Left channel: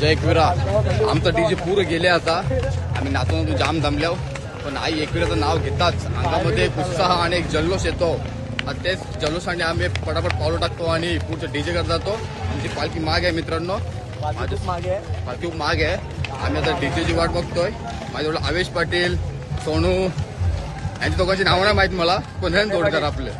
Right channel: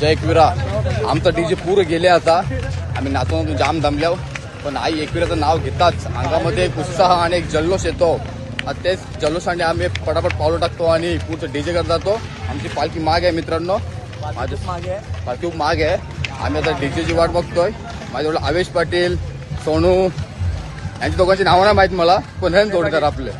जय एकविरा. आमचा डीजे पूर्ण गेले आता. आम्ही नाचून जाम दमल्याव, पण आई एकविराचं नाव घेताच अंगामध्ये एक उत्साह आणि एक जल्लोष येतो. तेच जल्लोषाने आम्ही पटापट पावलं टाकतो आणि पुढचं डीजे करत जातो. आमची पालखी माग आहे मित्रांनो, पालखी खूप माग आहे. आम्ही आता डीजेची वाट बघतोय. माझ्याजवळ आवेश पाटील, सोनू यांच्या दोघांची नावं नाही माहित मला, पण हे जोडीदार आपले.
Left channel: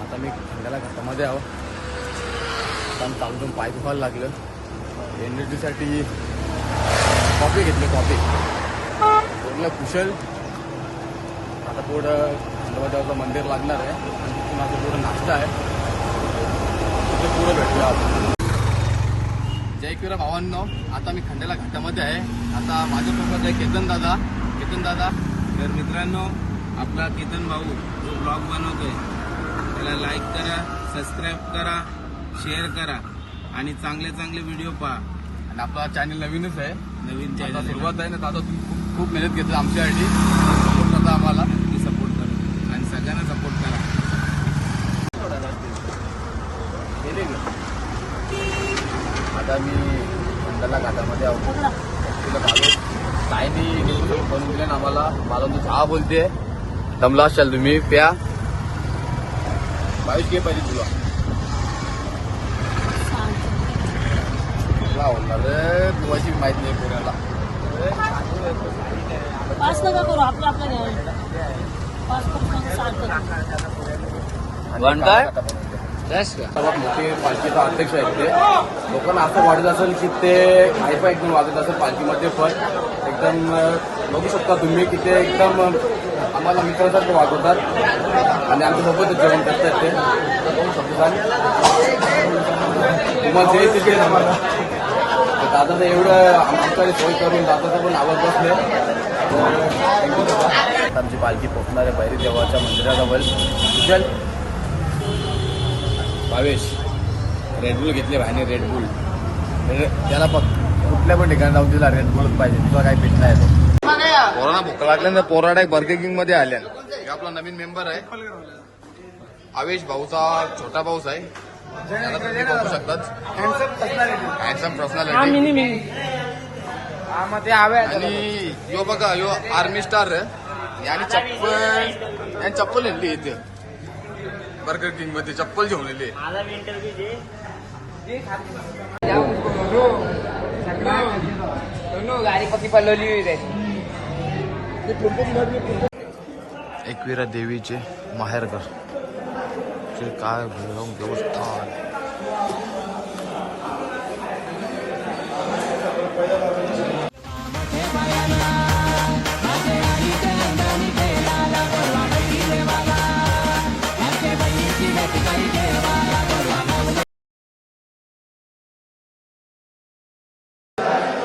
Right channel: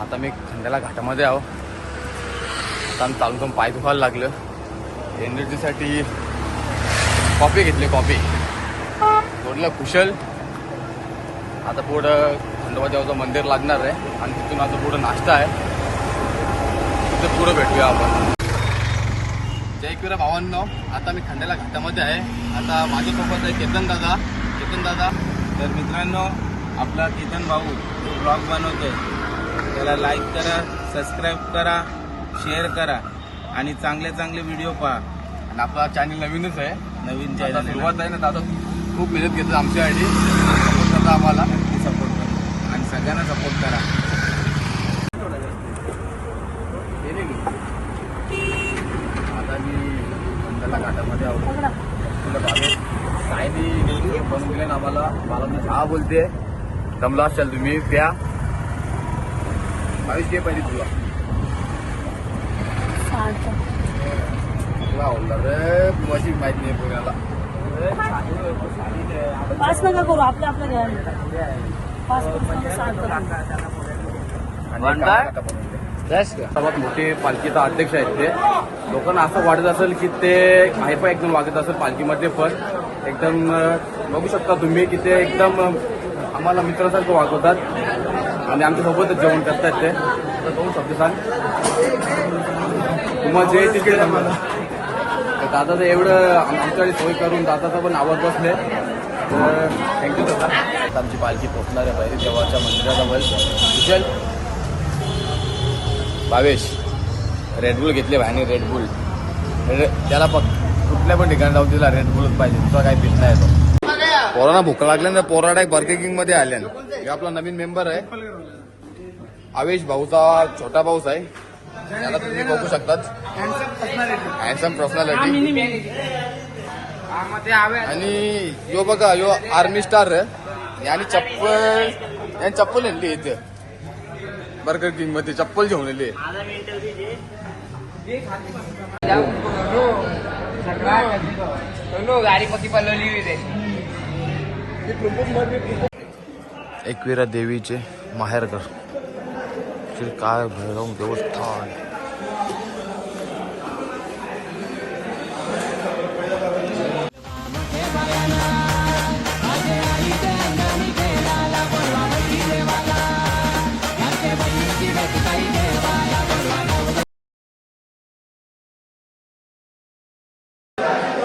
आता मी खंडाला घाटामध्ये आहो. आता आम्ही चालून पाय दुखायला लागलं. एनर्जीसाठी कॉफी घेतली. कॉफी थोडलं कुशल. आता पुढं खंडोबा देवाचं मंदिर लागणार आहे आणि तिथून आता पुढं नाश्ता आहे. तिथं पुढं भेटूया आपण. जय एकविरा भावांनो, आता मी खंडाला घाटामध्ये आहे. आता माझ्यासोबत आहे केतन दादा. तर मित्रांनो, आपला केतन भाऊ जो ब्लॉग बनवतोय त्याला लाईक करा, सबस्क्राईब करा, शेअर करा आणि चांगले चांगले व्हिडिओ पहा. आणि आपला चॅनल नवीनच आहे. नवीन आता चॅनल सुरुवात आहे ना दादा, खूप मेहनत घेतली आमच्यासाठी. सपोर्ट करता आम्हाला. नक्की सपोर्ट करा आणि सगळ्यांना सपोर्ट करा. आता मी खंडाला घाटामध्ये आहोत. तुला भावे सायनी गेली बनवून दिले ना आम्हाला. मला तू हा बोलते दमला असाल तुम्ही प्या. भावेश घे पाहिजे तुला. तुला होणार रे, तुझी माहिती नाही पुण्याला. करू आपलं आपलं सर्वात मोठे पालखीचा अध्यक्ष आहेत ते. लोकांना असं वाटत असेल की ते हायफाय एकदम वाजत असेल पालखीमध्ये, पण एकदम बघू शकता तुम्ही की ते एकदम आम्हाला मित्रासारखं वागवतात आणि आमच्यासोबतच जेवण करतात. ते तर दोन शब्द सांग तुम्हाला जे येतील ते सांगा. तर दादाचं एवढं आमच्याकडे सोय करून दादाचा पण आवाज बसले, तर थँक्यू दादा. आमची पालखी पोहोचणार आहे बैरी देवाच्या मंदिराजवळ. चल भावेश रेडबुल घेतले भाईने. रेडबुल त्याला कुठल्या पण ठिकाणी जाऊन तिला रेडबुलच पाहिजे. तुझा काही पीठ नाही तो. कोरोना भूक लागले ना, पोराडा बर्गर किंग मध्ये आल्या. हे आपला नवीन मेंबर आहे आवेश भाऊचा छोटा भाऊच आहे. याला तुम्ही बघू शकतात. Handsome personality. आणि यो बघा, यो आर्मी स्टार आहे. आणि चप्पल नेली इथे बर्गर किंग मध्ये. चप्पल घेऊन नेली. एकविरा देवीचे माहेरघर, श्री काय भैरव देवस्थान.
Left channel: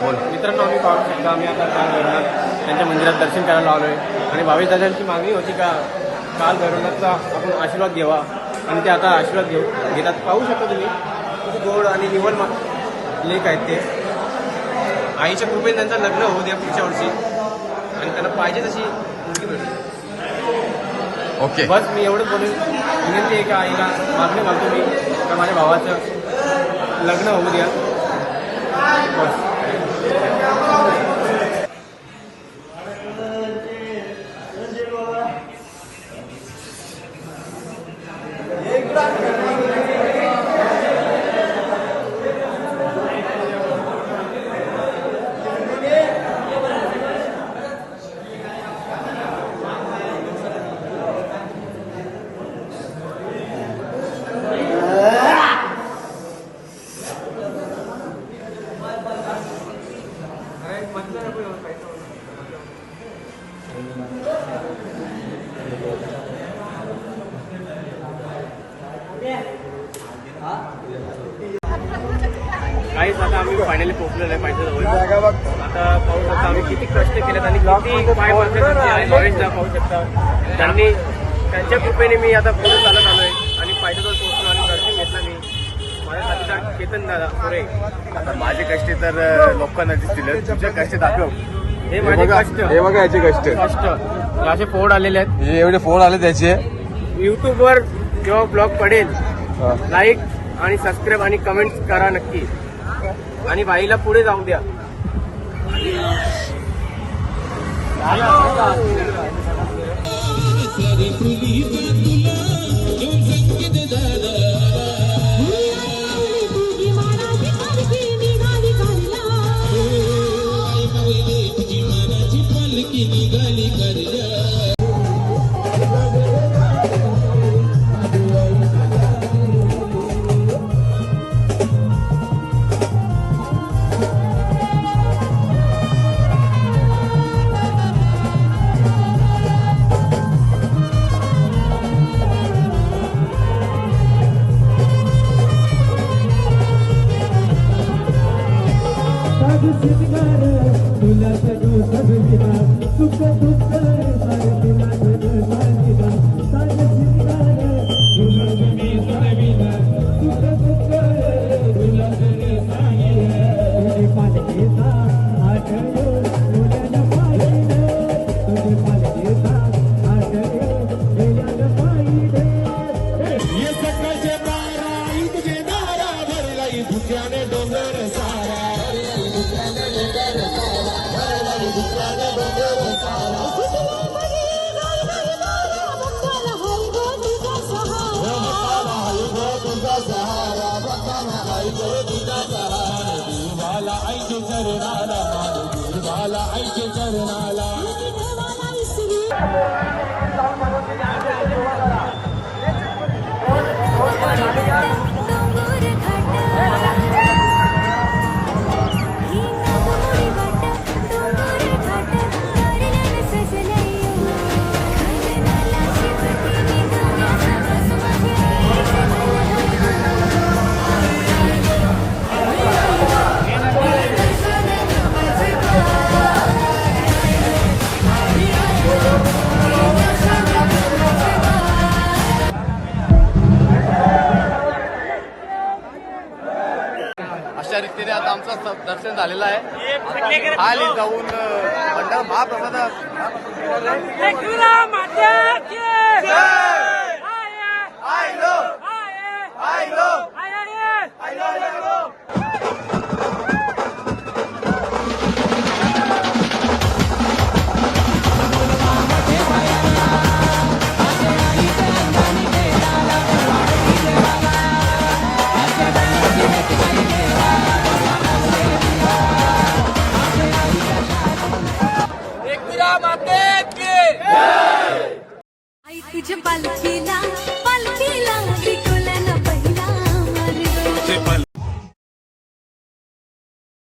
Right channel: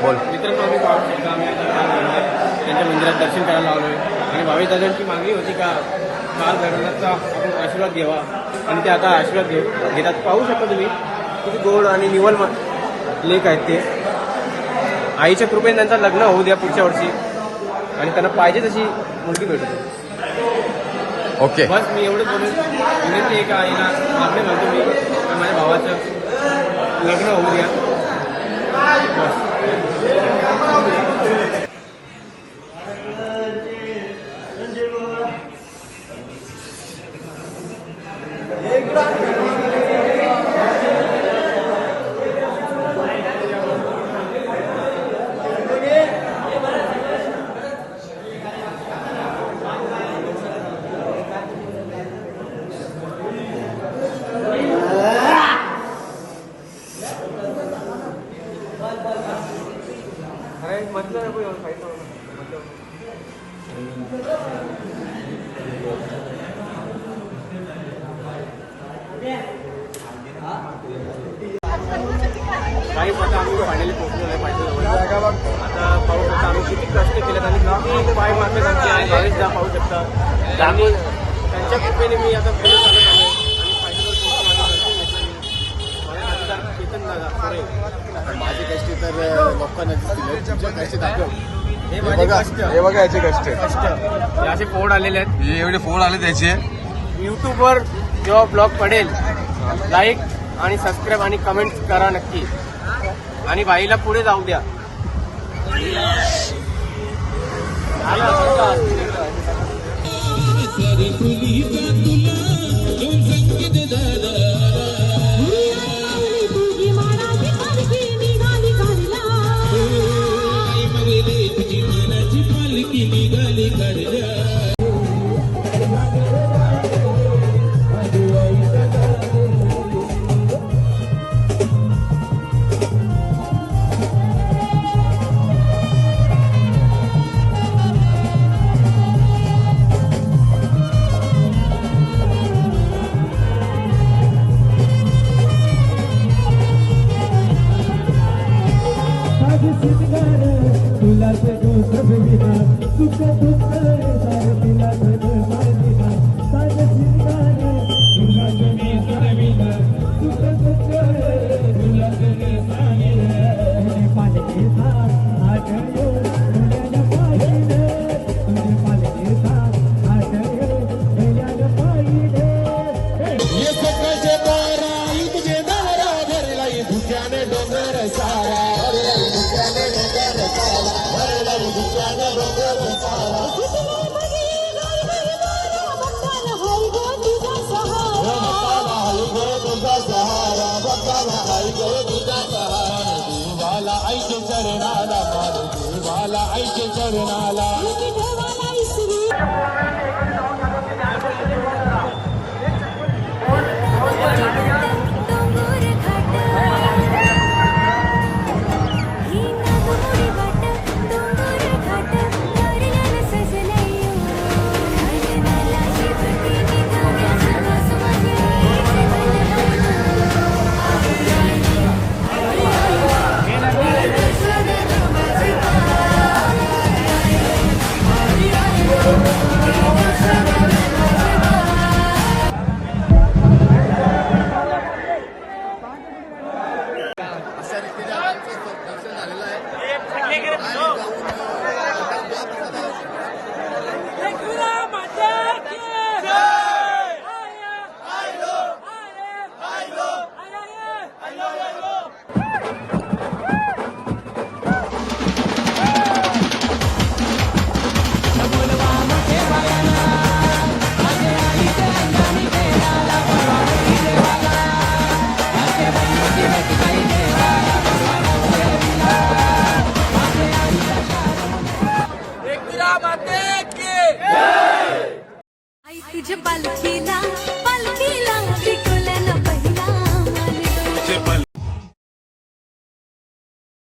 बोल. मित्रांनो, आम्ही पाहू शकतो आम्ही आता काल भैरवनाथ त्यांच्या मंदिरात दर्शन करायला लावलोय आणि भावी दादांची मागणी होती का काल भैरवनाथचा आपण आशीर्वाद घ्यावा आणि ते आता आशीर्वाद घेतात. पाहू शकता तुम्ही किती गोड आणि निवड लेक आहेत ते. आईच्या कृपेने त्यांचं लग्न होऊ द्या पुढच्या वर्षी आणि त्यांना पाहिजे तशी मुलगी मिळते. ओके बस मी एवढंच बोलून विनंती आहे का आईला मागणी घालतो मी का माझ्या भावाचं लग्न होऊ द्या. बस. काहीच आता आम्ही फायनली पोहोचलेलो आहे पायथ्याजवळ. आता पाहू शकता आम्ही किती कष्ट केलेत आणि किती पाय मारण्यासाठी आणि लॉरेन्सला पाहू शकता. त्यांनी त्यांच्या कृपेने मी आता पुढे चालत आलोय आणि पायथ्यावर पोहोचलो आणि दर्शन घेतलं मी. माझे साथीदार केतन दादा खरे. आता माझे कष्ट तर लोकांना दिसतील, तुझे कष्ट दाखव. हे माझे कष्ट. हे बघा याचे कष्ट. हे असे फोड आलेले आहेत. हे एवढे फोन आले त्याचे. युट्यूबवर जेव्हा ब्लॉग पडेल लाईक आणि सबस्क्राईब आणि कमेंट करा नक्की. आणि बाईला पुढे जाऊ द्या. अशा रीतीने आता आमचं दर्शन झालेलं आहे. खाली जाऊन महाप्रसाद आई तुझ्या पालखी